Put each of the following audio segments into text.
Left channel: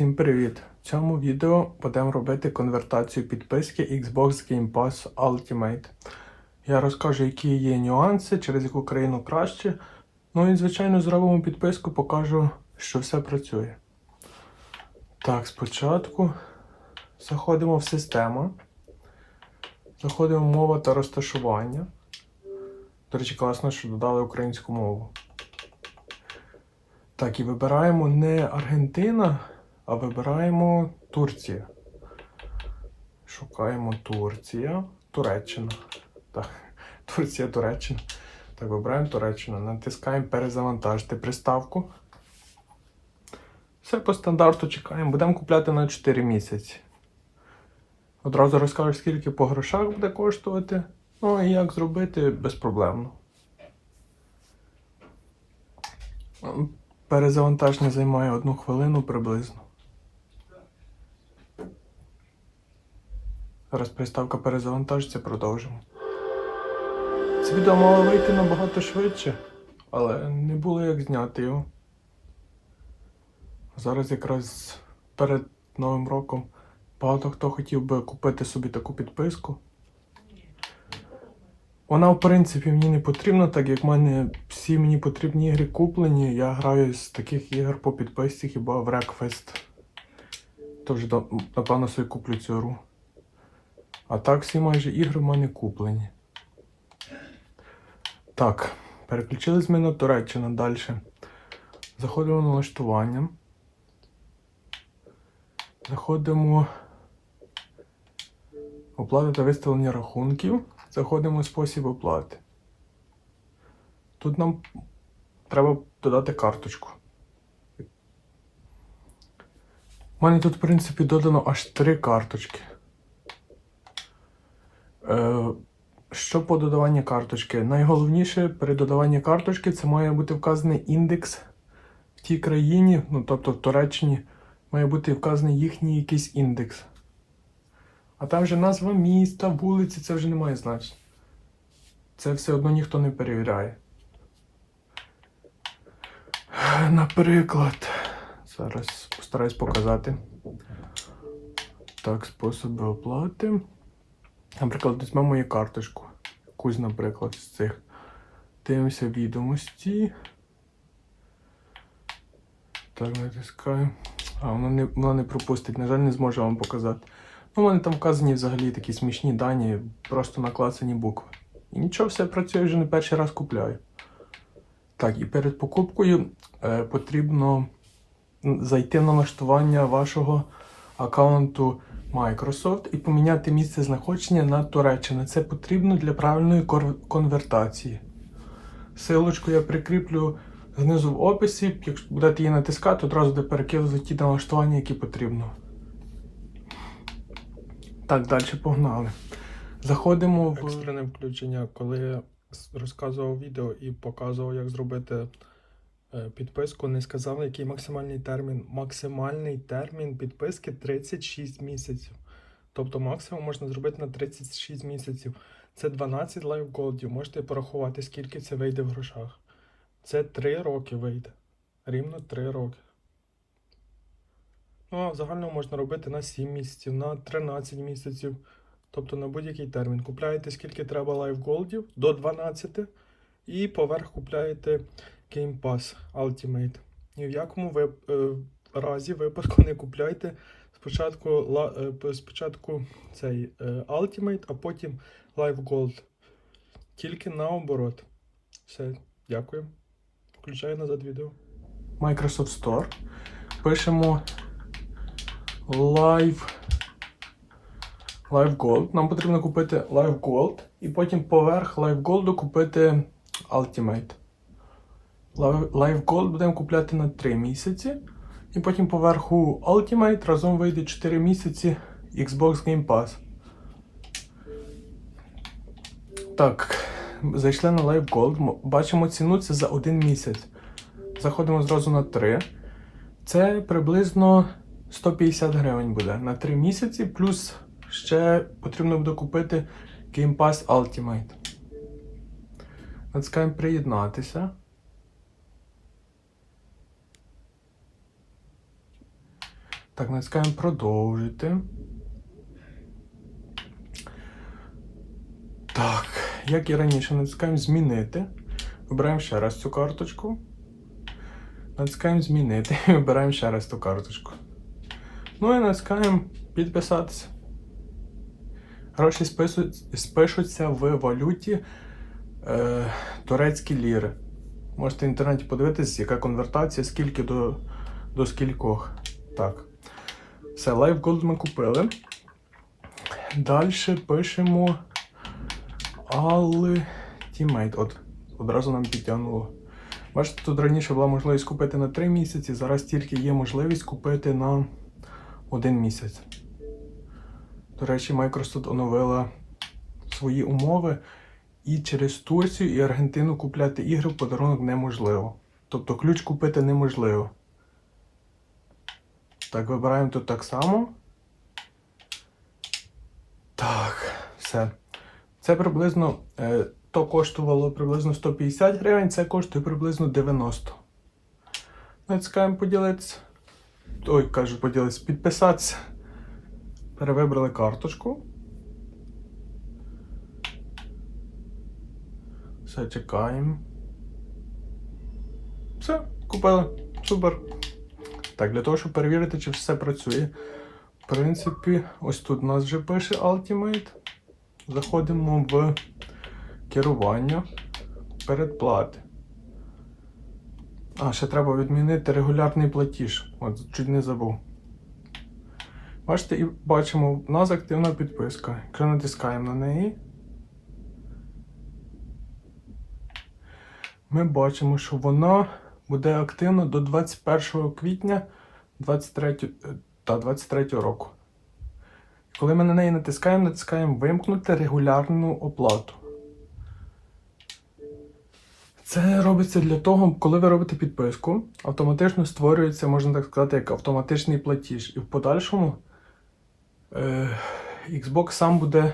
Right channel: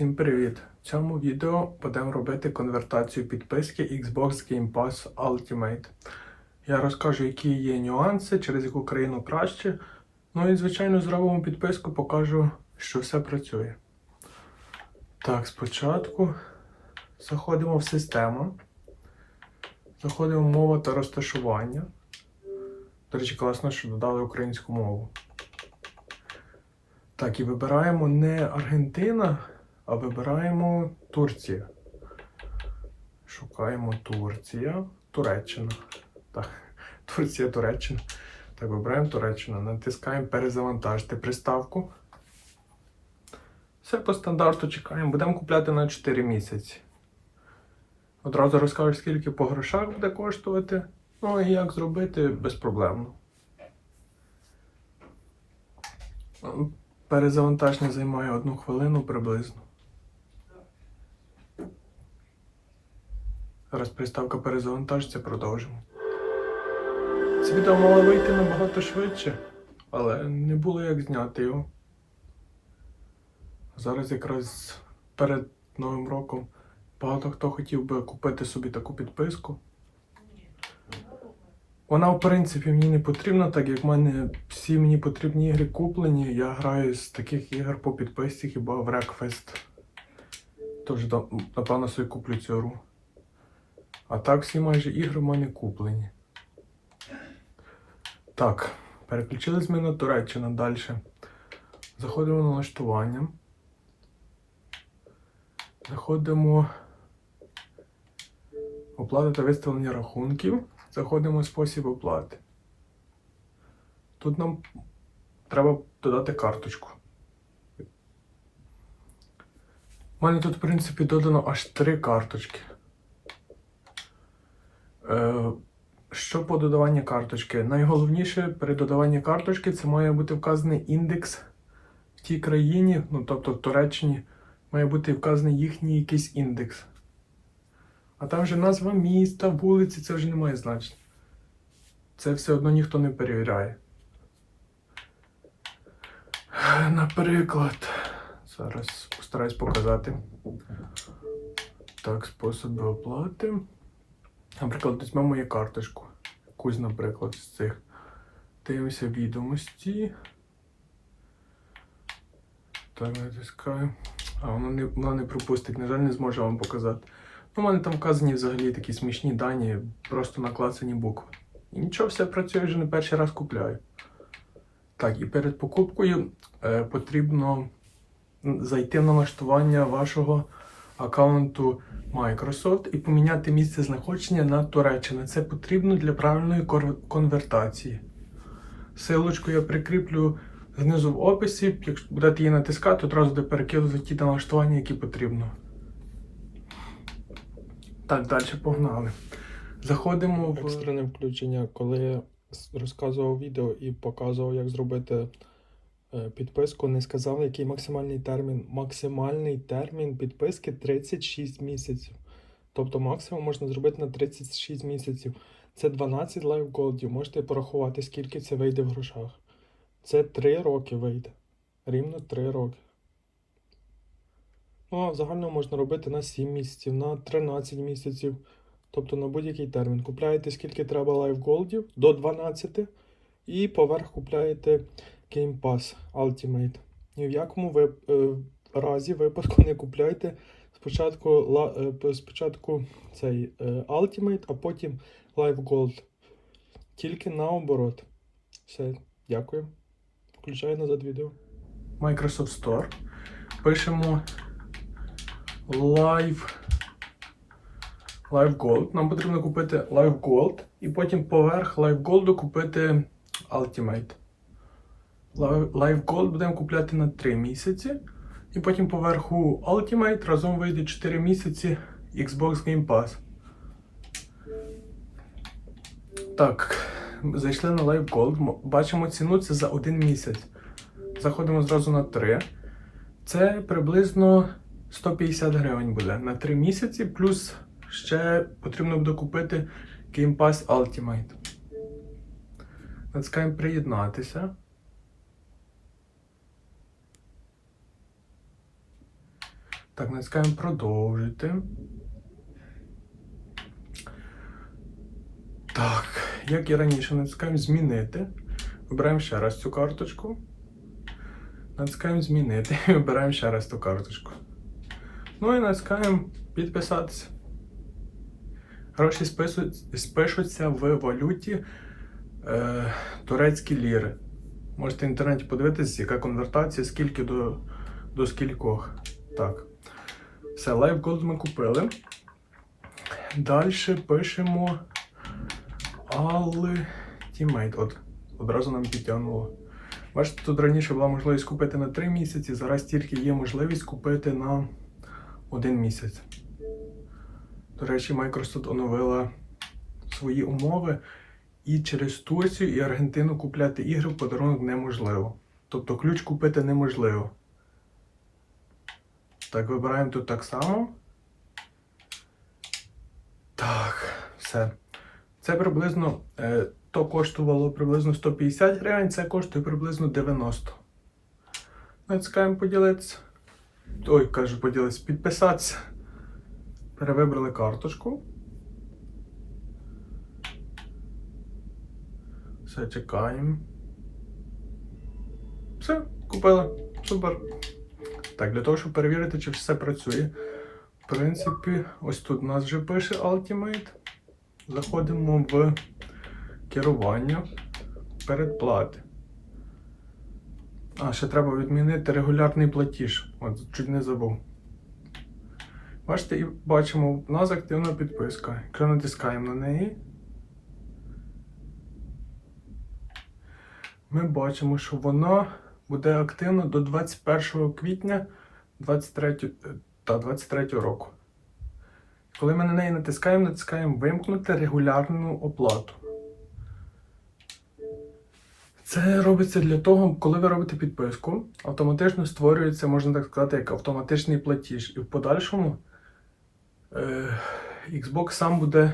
Всім привіт! В цьому відео будемо робити конвертацію підписки Xbox Game Pass Ultimate. Я розкажу, які є нюанси, через яку країну краще. Ну і, звичайно, зробимо підписку, покажу, що все працює. Так, спочатку заходимо в систему. Заходимо в мова та розташування. До речі, класно, що додали українську мову. Так, і вибираємо не Аргентина, а вибираємо Турція. Шукаємо Турція. Туреччина. Так, Турція, Туреччина. Так, вибираємо Туреччину. Натискаємо перезавантажити приставку. Все по стандарту чекаємо. Будемо купляти на 4 місяці. Одразу розкажу, скільки по грошах буде коштувати. Ну і як зробити безпроблемно. Перезавантаження займає одну хвилину приблизно. Зараз приставка перезавантажиться, продовжимо. Це відео мало вийти набагато швидше, але не було як зняти його. Зараз якраз перед Новим роком багато хто хотів би купити собі таку підписку. Вона, в принципі, мені не потрібна, так як в мене всі мені потрібні ігри куплені. Я граю з таких ігор по підписці, хіба в Wreckfest. Тож, напевно, собі куплю цю гру. А так всі майже ігри в мене куплені. Так, переключились ми на Туреччину далі. Заходимо на налаштування. Заходимо оплата та виставлення рахунків. Заходимо в спосіб оплати. Тут нам треба додати карточку. У мене тут, в принципі, додано аж три карточки. Е, що по додаванні карточки? Найголовніше при додаванні карточки це має бути вказаний індекс в тій країні, ну тобто в Туреччині, має бути вказаний їхній якийсь індекс. А там же назва міста, вулиці, це вже не має значення. Це все одно ніхто не перевіряє. Наприклад, зараз постараюсь показати. Так, способи оплати. Наприклад, візьмемо мою карточку. Якусь, наприклад, з цих. Дивимося відомості. Так, натискаю. А, воно не, воно не пропустить, на жаль, не зможу вам показати. Ну, у мене там вказані взагалі такі смішні дані, просто наклацані букви. І нічого, все працює вже не перший раз купляю. Так, і перед покупкою е, потрібно зайти на налаштування вашого аккаунту Microsoft і поміняти місце знаходження на Туреччину. Це потрібно для правильної конвертації. Силочку я прикріплю знизу в описі. Якщо будете її натискати, одразу буде перекидувати ті налаштування, які потрібно. Так, далі погнали. Заходимо в екстрене включення, коли я розказував відео і показував, як зробити підписку, не сказали, який максимальний термін. Максимальний термін підписки 36 місяців. Тобто максимум можна зробити на 36 місяців. Це 12 лайв голдів. Можете порахувати, скільки це вийде в грошах. Це 3 роки вийде. Рівно 3 роки. Ну, а в можна робити на 7 місяців, на 13 місяців, тобто на будь-який термін. Купляєте скільки треба лайфголдів до 12 і поверх купляєте Game Pass Ultimate. Ні в якому ви, е, разі випадку не купляйте спочатку, ла- е, спочатку цей е, Ultimate, а потім Live Gold. Тільки наоборот. Все, дякую. Включаю назад відео. Microsoft Store. Пишемо Live Live Gold. Нам потрібно купити Live Gold і потім поверх Live Gold купити Ultimate. Gold будемо купляти на 3 місяці. І потім поверху Ultimate разом вийде 4 місяці Xbox Game Pass. Так, зайшли на Live Gold. Бачимо ціну це за 1 місяць. Заходимо зразу на 3. Це приблизно 150 гривень буде на 3 місяці, плюс ще потрібно буде купити Game Pass Ultimate. Натискаємо приєднатися. Так, натискаємо продовжити. Так, як і раніше, натискаємо змінити. Вибираємо ще раз цю карточку. Натискаємо змінити і вибираємо ще раз ту карточку. Ну і натискаємо підписатися. Гроші спишуться в валюті е, турецькі ліри. Можете в інтернеті подивитися, яка конвертація, скільки до, до скількох. Так. Все, Live Gold ми купили. Далі пишемо Ultimate. От, одразу нам підтягнуло. Бачите, тут раніше була можливість купити на 3 місяці, зараз тільки є можливість купити на 1 місяць. До речі, Microsoft оновила свої умови, і через Турцію і Аргентину купляти ігри в подарунок неможливо. Тобто ключ купити неможливо. Так, вибираємо тут так само. Так, все. Це приблизно е, то коштувало приблизно 150 гривень, це коштує приблизно 90. Натискаємо поділитися. Ой, кажу, поділитися, підписатися. Перевибрали карточку. Все, чекаємо. Все, купили. Супер. Так, для того, щоб перевірити, чи все працює. В принципі, ось тут у нас вже пише Ultimate. Заходимо в керування передплати. А, ще треба відмінити регулярний платіж. От, чуть не забув. Бачите, і бачимо, у нас активна підписка. Якщо натискаємо на неї, ми бачимо, що вона буде активна до 21 квітня 23, е, та 23 року. Коли ми на неї натискаємо, натискаємо вимкнути регулярну оплату. Це робиться для того, коли ви робите підписку, автоматично створюється, можна так сказати, як автоматичний платіж. І в подальшому е, Xbox сам буде,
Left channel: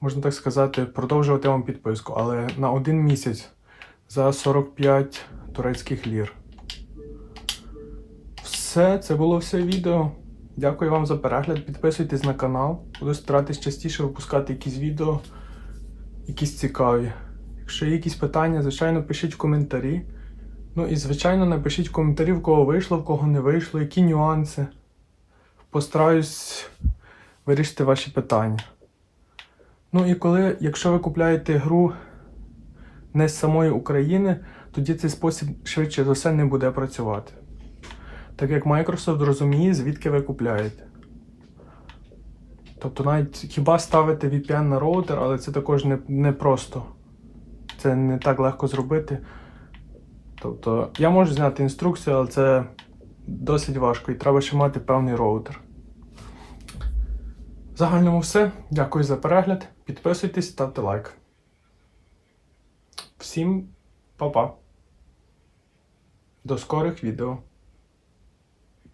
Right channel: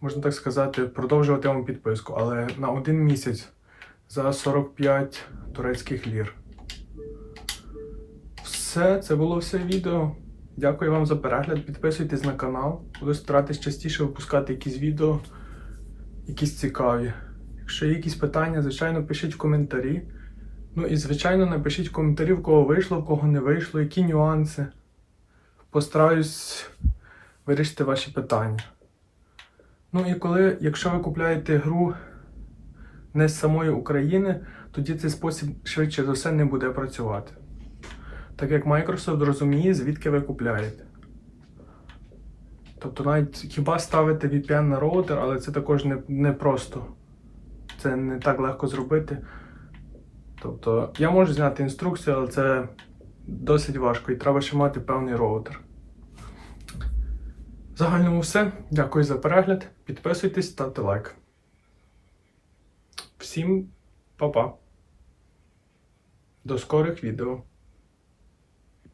можна так сказати, продовжувати вам підписку, але на один місяць за 45 турецьких лір. Все, це було все відео. Дякую вам за перегляд. Підписуйтесь на канал. Буду старатись частіше випускати якісь відео, якісь цікаві. Якщо є якісь питання, звичайно, пишіть в коментарі. Ну і, звичайно, напишіть в коментарі, в кого вийшло, в кого не вийшло, які нюанси. Постараюсь вирішити ваші питання. Ну і коли, якщо ви купляєте гру не з самої України, тоді цей спосіб швидше за все не буде працювати. Так як Microsoft розуміє, звідки ви купляєте. Тобто навіть хіба ставити VPN на роутер, але це також не, не просто. Це не так легко зробити. Тобто я можу зняти інструкцію, але це досить важко і треба ще мати певний роутер. В загальному все. Дякую за перегляд. Підписуйтесь, ставте лайк. Всім па-па. До скорих відео.